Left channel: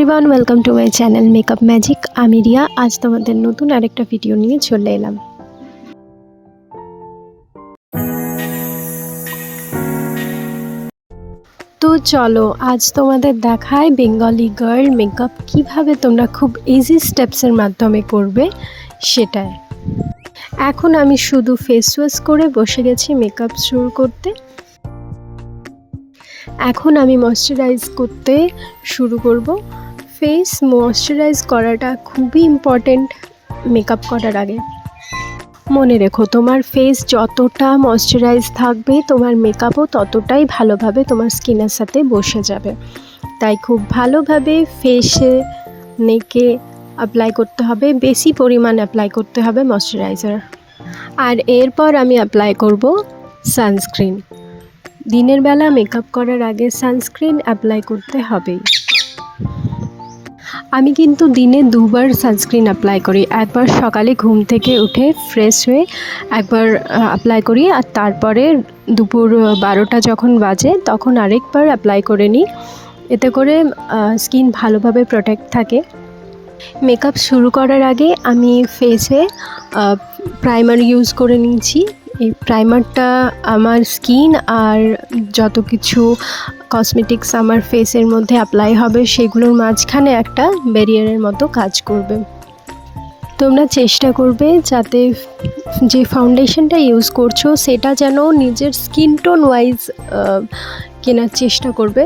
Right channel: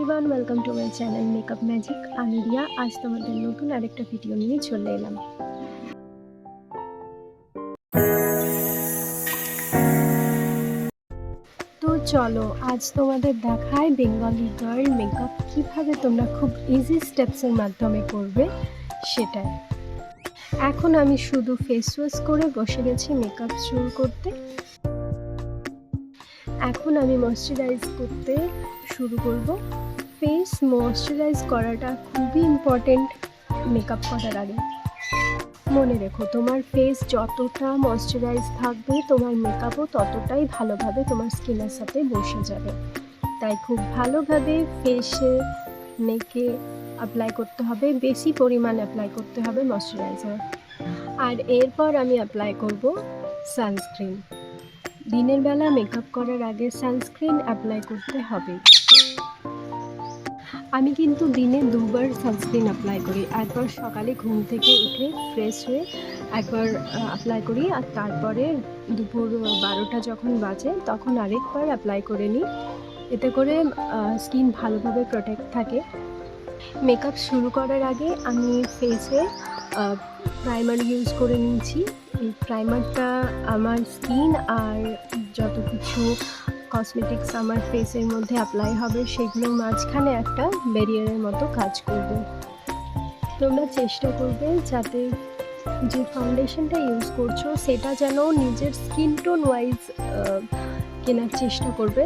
Everyone, welcome to my channel makeup magic. আমি রিয়া। আজ তোমাদের নতুন আরেকটা ভিডিও নিয়ে চলে এলাম। তো চলো আজ তোমাদের দেখায় বেঙ্গলি গার্ল মেকআপ কিভাবে তোমরা খুব ইজি স্টেপসের মাধ্যমে করবে সেটাই। এখন আমি শুধু ফেস ওয়াশ করে বসে গেছি মেকআপ শুরু করতে। এখন আমি ময়শ্চারাইজ করতে শুরু করব। ফেস ময়শ্চারাইজ করাটা খুবই ইম্পর্টেন্ট মেকআপ করার আগে। মনে রেখো, তোমার ফেস যতটা ময়শ্চারাইজ থাকবে তোমার মেকআপও ততটাই ভালোভাবে তোমার স্কিনের সাথে বসে যাবে। তাই খুব ভালোভাবে ফেসে নেকে অ্যাপ্লাই করতে হবে, বেশি পরিমাণ অ্যাপ্লাই করতে হবে ময়শ্চারাইজার। আর এরপর আমি অ্যাপ্লাই করব সানস্ক্রিন। দিনের বেলা মেকআপ করার আগে সানস্ক্রিন অ্যাপ্লাই করতে হবেই। আমি কিন্তু দিনে দুবার সানস্ক্রিন অ্যাপ্লাই করি। একবার সকালে ঘুম থেকে উঠে ফ্রেশ হয়ে একবার অ্যাপ্লাই করি, আর তারপরে দুপুর 12টা যখন বাজে তখন আরেকবার অ্যাপ্লাই করে নিই। এতে করে স্কিন ভালোভাবে প্রোটেক্ট থাকে। মেকআপ শুরু করার আগে আমি ফেসে প্রাইমার ইউজ করে নিয়েছি। এই প্রাইমারটা আমার স্কিন আর যত কিছু কসমেটিক্স আমার ফেসের মধ্যে অ্যাপ্লাই হবে সেগুলোর মাঝখানে একটা ব্যারিয়ারের মতো কাজ করবে। তোমরা চেষ্টা করবে যাতে যে ফাউন্ডেশনটা ইউজ করছো সেটা যেন নিজের স্কিন টোন ওয়াইজ কেনার চেষ্টা করবে।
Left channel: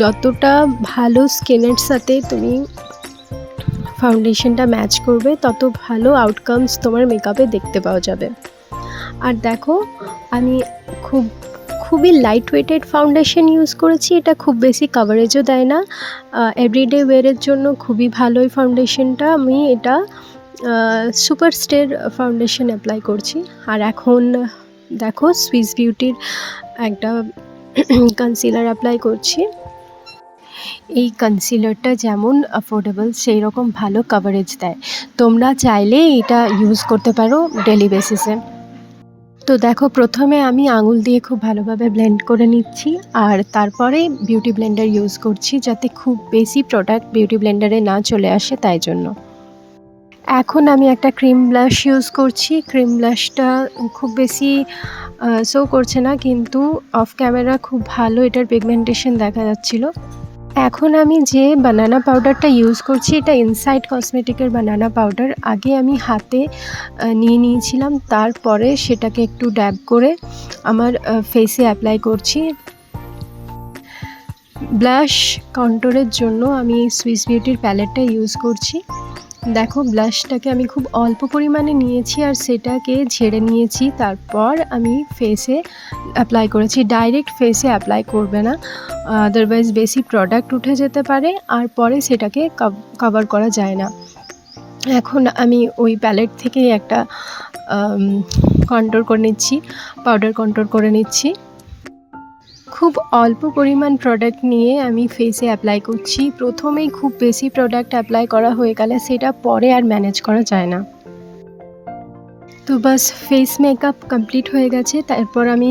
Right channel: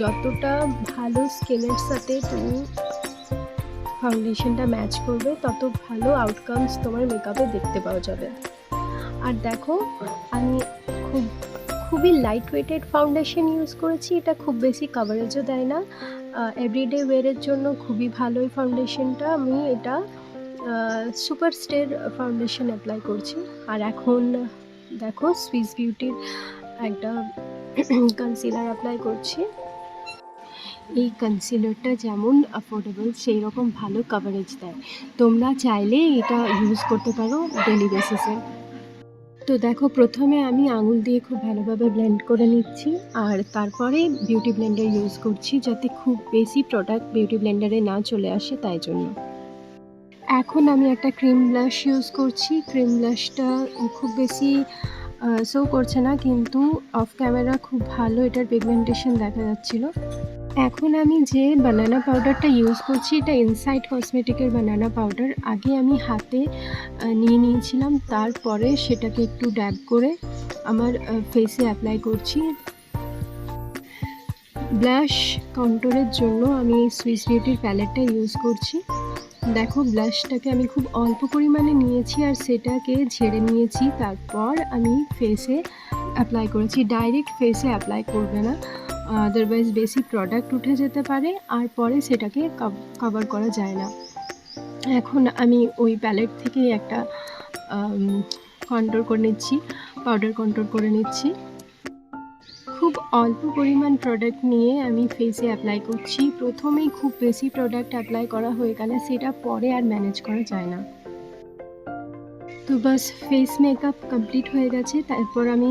যতটা ভালো স্কিনের সাথে তুমি ফাউন্ডেশনটা ম্যাচ করবে তত ভালো আউটকামস তোমার মেকআপে দেখতে পাওয়া যাবে। আর দেখো, আমি খুবই লাইট ওয়েটেড ফাউন্ডেশন ইউজ করেছি। এটা খুব বেশি কাভারেজও দেয় না, এভরিডে ওয়্যারের জন্য খুবই ভালো এই ফাউন্ডেশনটা। আমি এটা সুপার স্টার ফাউন্ডেশন অ্যাপ্লাই করছি। আর এখন দেখো সুইস বিউটির একটা কনসিলার অ্যাপ্লাই করছি। এই কনসিলারটা যেমন অ্যাফোর্ডেবল সেই রকম ভালো কাভারেজ দেয়। তোমরা চাইলে এটা ইউজ করতে পারো ডেলি বেসিসে। তো দেখো, প্রথমে আমি আঙুল দিয়ে খুব ভালোভাবে ব্লেন্ড করে নিচ্ছি, আর তারপরে বিউটি ব্লেন্ডার ইউজ করছি যাতে খুব বেশি প্রোডাক্ট বিউটি ব্লেন্ডারে না চলে আসে, তাই জন্য। এখন আমি একটা ক্রিম ব্লাশ ইউজ করছি। ক্রিম ব্লাশটা খুব বেশি শো করছে না, কিন্তু অফ ক্যামেরা খুব ভালো এটার পিগমেন্টেশন দেখা যাচ্ছিল। এখন আমি যে বানানা পাউডারটা ইউজ করছি এটা ইনসাইড কসমেটিকের বানানা পাউডার। আগে আমি হাতে নিয়ে নিয়েছিলাম, তারপরে সেটাকে একটু ড্যাব করে আমার ফেসে অ্যাপ্লাই করছি। ব্লাশ কন্ট্রোলের জন্য আমি সুইস বিউটির প্যালেটটা ইউজ করছি। দেখো, ব্লাশটাকে আমি খুব অল্প পরিমাণে নিয়েছি আর সেটাকে ঝেড়ে নিয়েছি, তারপর আমি ফেসে অ্যাপ্লাই করেছি। ডাইরেক্ট ফেসে অ্যাপ্লাই করবে না, আদারওয়াইজ বেশি প্রোডাক্ট উঠে যেতে পারে আর পরে সেটাকে কভার করা যায় না। এখন আমি ওই প্যালেট থেকে একটা কন্ট্রোল করে নিচ্ছি, পাউডার কন্ট্রোল করে নিচ্ছি। খুব অল্প পরিমাণ প্রোডাক্ট নিয়ে আমি ফেসে অ্যাপ্লাই করছি। প্রথমেই খুব বেশি প্রোডাক্ট অ্যাপ্লাই করা হয়ে গেলে সেটা পরে আর ম্যানেজ করা যায় না। তো বাস, ফেস মেকআপ কমপ্লিট হয়ে গেছে। তারপর আমি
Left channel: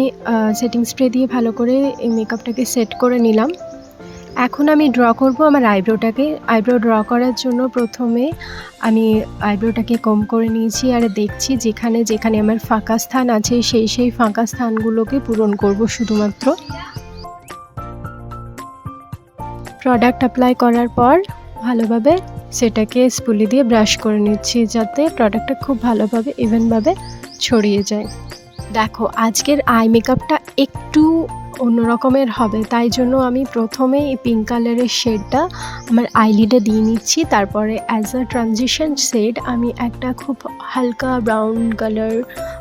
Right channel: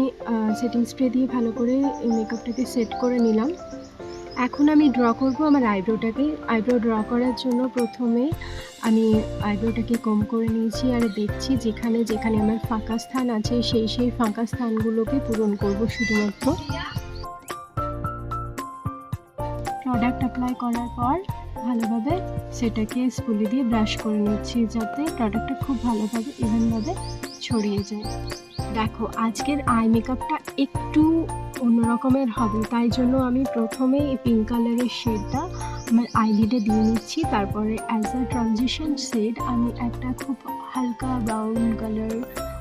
সেটিং স্প্রে দিয়ে ভালো করে এই মেকআপটাকে সেট করে নিলাম। এখন আমি ড্র করব আমার আইব্রোটাকে। আইব্রো ড্র করার জন্য প্রথমে আমি আইব্রোটাকে কম করে নিয়েছি আর দেখছি যেখানে যেখানে আমার ফাঁকা স্থান আছে সেই ফাঁকা স্থানগুলোকে পূরণ করব শুধুমাত্র। প্রোডাক্ট অ্যাপ্লাই করার পর ভালোভাবে সেটাকে স্পুলি দিয়ে ব্রাশ করে নিচ্ছি যাতে প্রোডাক্টটা খুব ভালোভাবে ইভেনভাবে ছড়িয়ে যায়। দেখো, আজকের আই মেকআপটা একটু অন্য রকমের হবে, তাই জন্য আমি প্রথমে এই পিঙ্ক কালারের শেডটা আমার আইলিডে দিয়ে নিচ্ছি। তারপরে অ্যাজ আ ট্রানজিশন শেড আমি একটা খুব হালকা ব্রাউন কালার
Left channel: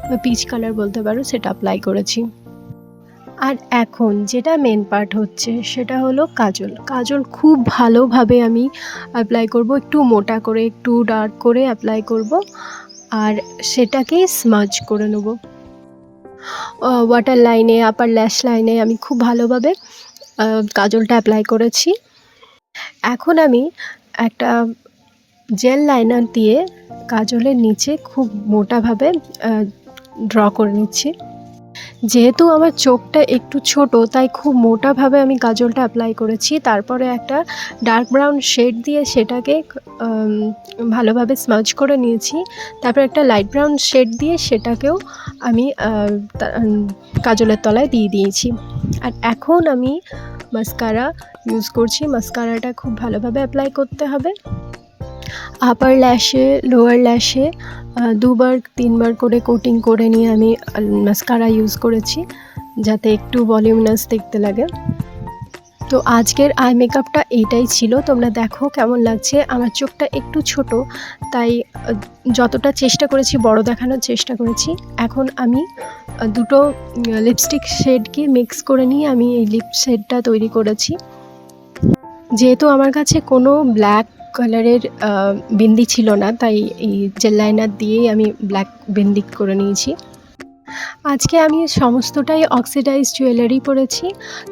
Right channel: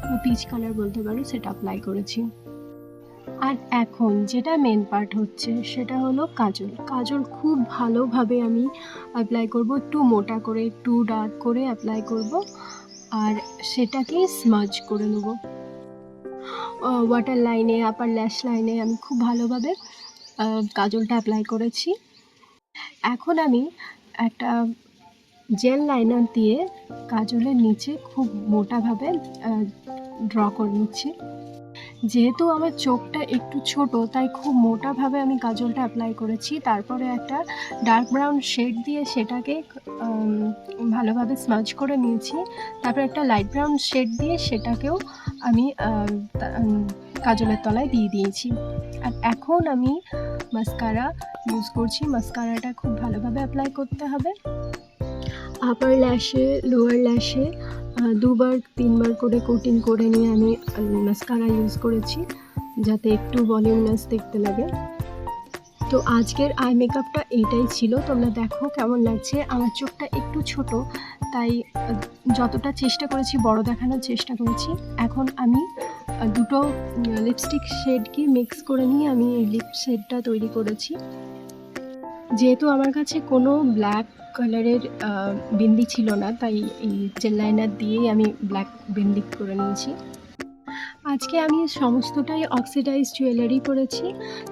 বা পিচ কালার বলতে পারো সেটা অ্যাপ্লাই করেছি। আর এখন যেটা মেন পার্ট হচ্ছে সেটা হলো কাজল। কাজল খুব ভালোভাবে আমি অ্যাপ্লাই করব, একটু মোটা করে একটু ডার্ক করে অ্যাপ্লাই করব আর সেটাকে স্মাজ করে নেব। ওয়াটার লাইনে, আপার ল্যাশ লাইনে আমি খুব ভালোভাবে কাজলটা অ্যাপ্লাই করেছি। এখন আমি একটা জেল লাইনার দিয়ে কাজলের নিচে খুব মোটাভাবে ড্র করে নিচ্ছি। যেহেতু আমার চোখটা একটু ছোট, তাই খুব মোটাভাবে আমি কাজলটা অ্যাপ্লাই করেছি। তারপরে একটা ডার্ক ব্রাউন শেড দিয়ে সেটাকে ভালোভাবে স্মাজ করে নিয়েছি। তারপর একটা লাইট ব্রাউন শেড দিয়ে সেটাকেও আমি কাজলের তলায় দিয়ে দিয়েছি। আর এখন আমি মাস্কারা ইউজ করছি। মাস্কারাটা খুব ভালোভাবে অ্যাপ্লাই করতে হবে। আপার ল্যাশে, লোয়ার ল্যাশে 2-3 বার করে কোটিং করে নিয়ে আমি মাস্কারা ইউজ করেছি, যাতে একটু ভলিউমাস দেখতে লাগে। তো আজকের আই মেকআপটা এইটাই ছিল। তোমরা দেখো কেমন লাগছে। আমার চোখটা একটু ছোট, তাই যতটা চেষ্টা করেছি বড় দেখানোর চেষ্টা করেছি। এখন আমি দুটো লিপস্টিক শেডকে মিক্স করে নিয়ে আমি এই লিপ শেডটা তৈরি করেছি। যেহেতু আমার কাছে কোনো ব্ল্যাক কালারের বিন্দি ছিল না, তাই এই জেল লাইনার দিয়েই আমি ব্ল্যাক বিন্দি করে নিয়েছি। আজকে আমি সমস্তটাই অক্সিডাইজ জুয়েলারি পরেছি।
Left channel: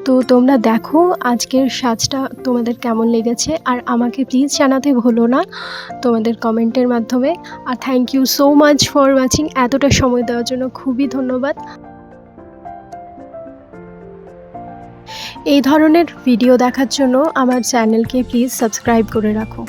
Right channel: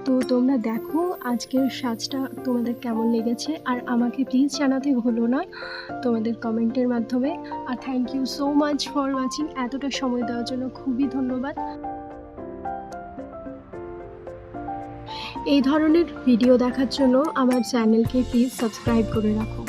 তো তোমরা দেখো আজকের সাজটা তোমাদের কেমন লেগেছে, আর আমাকে প্লিজ জানাতে ভুলো না তোমাদের কমেন্টের মাধ্যমে। আর thank you so much for watching. এতটা সময় দেওয়ার জন্য খুবই ধন্যবাদ। এই ধরনের ভিডিও দেখার জন্য আমার চ্যানেলকে প্লিজ সাবস্ক্রাইব করে রাখো।